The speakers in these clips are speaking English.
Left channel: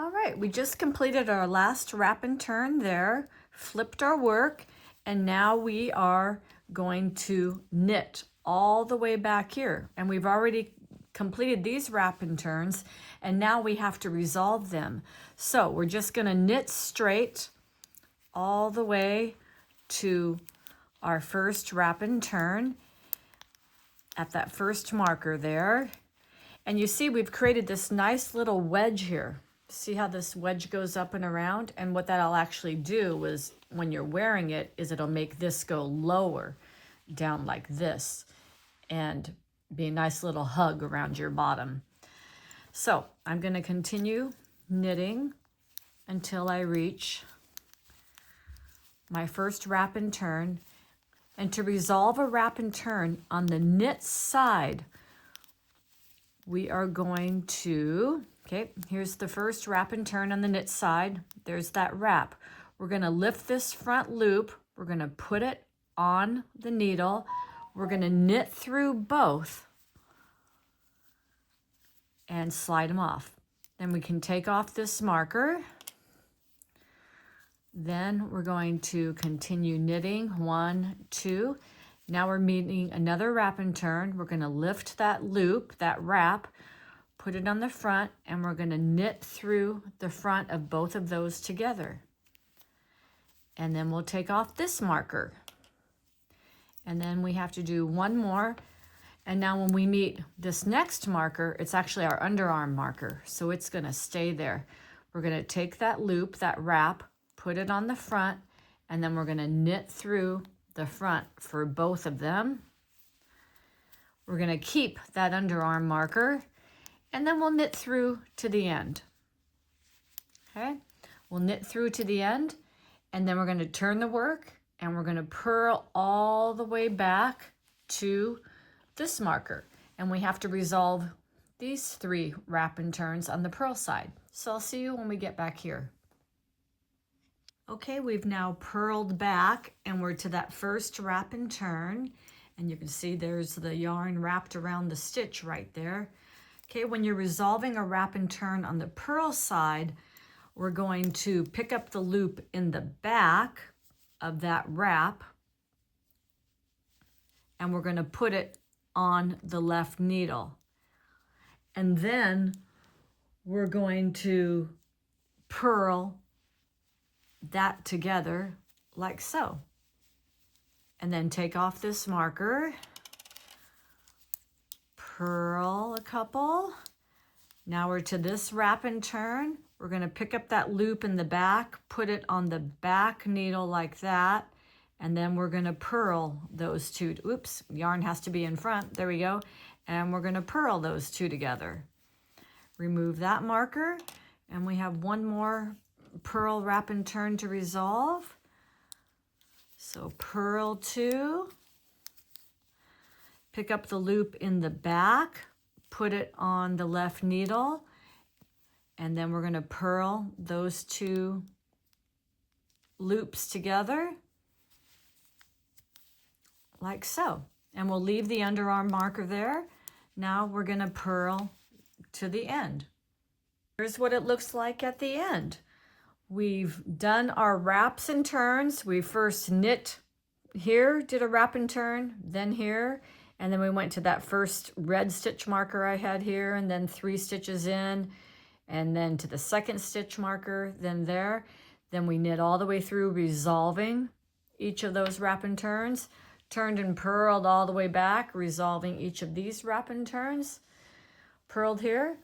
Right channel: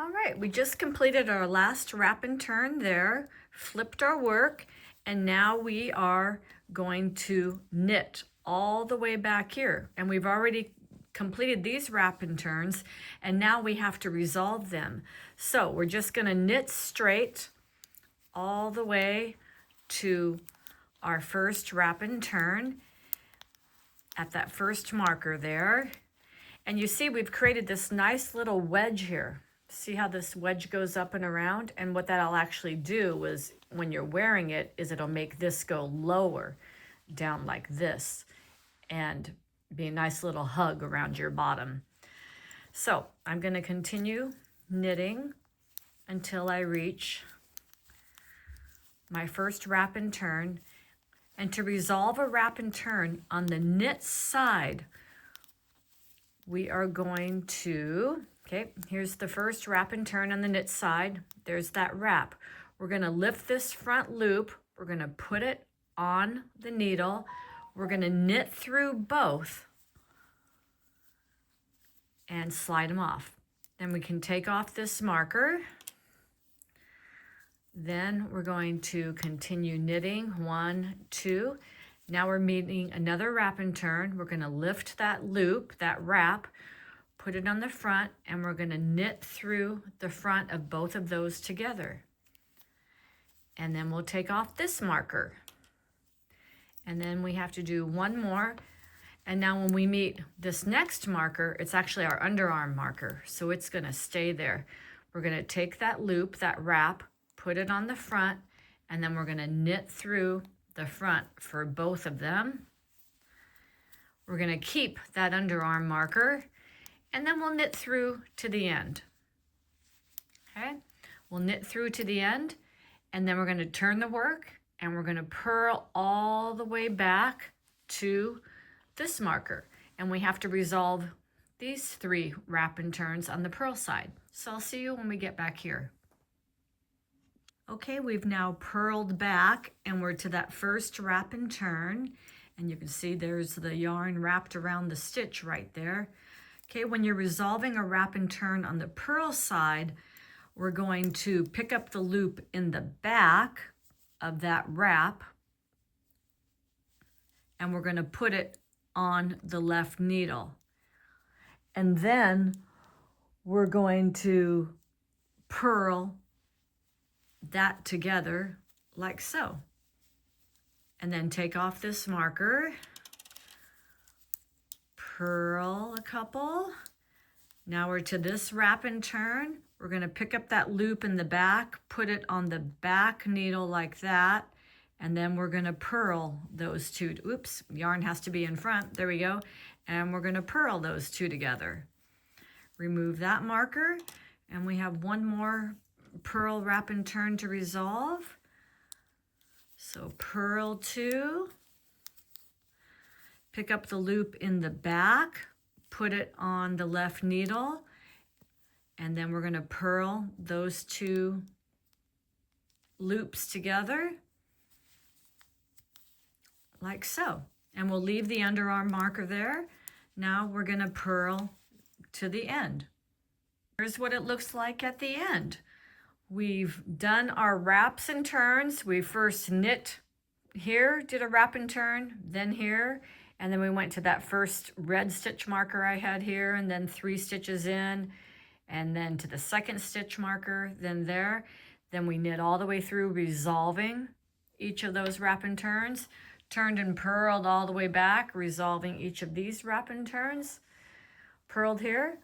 All right, we just completed our last wrap and turn there, flipped our work, and now we are going to knit all the way back here. And we've already completed these wrap and turns, and now we have to resolve them. So we're just gonna knit straight all the way to our first wrap and turn at that first marker there. And you see we've created this nice little wedge here. See how this wedge goes up and around? And what that'll actually do is when you're wearing it is it'll make this go lower down like this and be a nice little hug around your bottom. So I'm going to continue knitting until I reach my first wrap and turn. And to resolve a wrap and turn on the knit side, we are going to, okay, here's the first wrap and turn on the knit side. There's that wrap. We're going to lift this front loop. We're going to put it on the needle. We're going to knit through both and slide them off. Then we can take off this marker. Then we're going to continue knitting, 1, 2. Now we're meeting another wrap and turn. We're going to lift that loop, that wrap, put it on the front, and we're going to knit through the front of both of those together. And then we'll take off this marker. And then we have to do one more. And now when we meet this next marker, it's actually our underarm marker. So it's going to stay there. We're going to take that loop, that wrap, put it on the front, and then we're going to knit through the front for both of them. We're going to keep that underarm marker, and then we'll knit through to the end. Okay, we'll knit through to the end, and then we're going to turn the work, and we're going to purl all the way back to this marker. And we have to resolve these 3 wrap and turns on the purl side. So I'll see you when we get back here. Okay, we've now purled back and we're to that first wrap and turn. And you can see there's the yarn wrapped around the stitch right there. Okay, when you're resolving a wrap and turn on the purl side, we're going to pick up the loop in the back of that wrap and we're going to put it on the left needle. And then we're going to purl that together like so. And then take off this marker, purl a couple. Now we're to this wrap and turn. We're going to pick up that loop in the back, put it on the back needle like that, and then we're going to purl those 2. Oops, yarn has to be in front. There we go. And we're going to purl those 2 together. Remove that marker, and we have one more purl wrap and turn to resolve. So purl 2, pick up the loop in the back, put it on the left needle, and then we're going to purl those 2 loops together like so. And we'll leave the underarm marker there. Now we're going to purl to the end. Here's what it looks like at the end. We've done our wraps and turns. We first knit here, did a wrap and turn, then here, and then we went to that first red stitch marker I had here, and then 3 stitches in, and then to the second stitch marker, then there. Then we knit all the way through, resolving each of those wrap and turns, turned and purled all the way back, resolving each of these wrap and turns, purled here.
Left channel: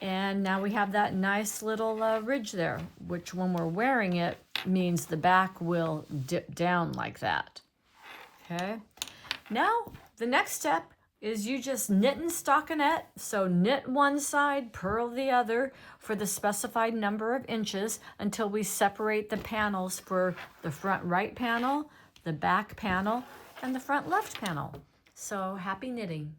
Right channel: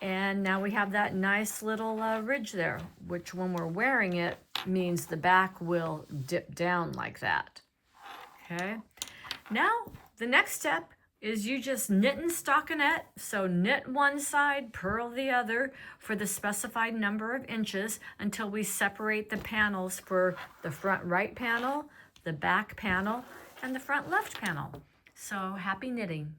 And now we have that nice little ridge there, which when we're wearing it means the back will dip down like that. Okay. Now the next step is you just knit and stockinette. So knit one side, purl the other for the specified number of inches until we separate the panels for the front right panel, the back panel, and the front left panel. So happy knitting.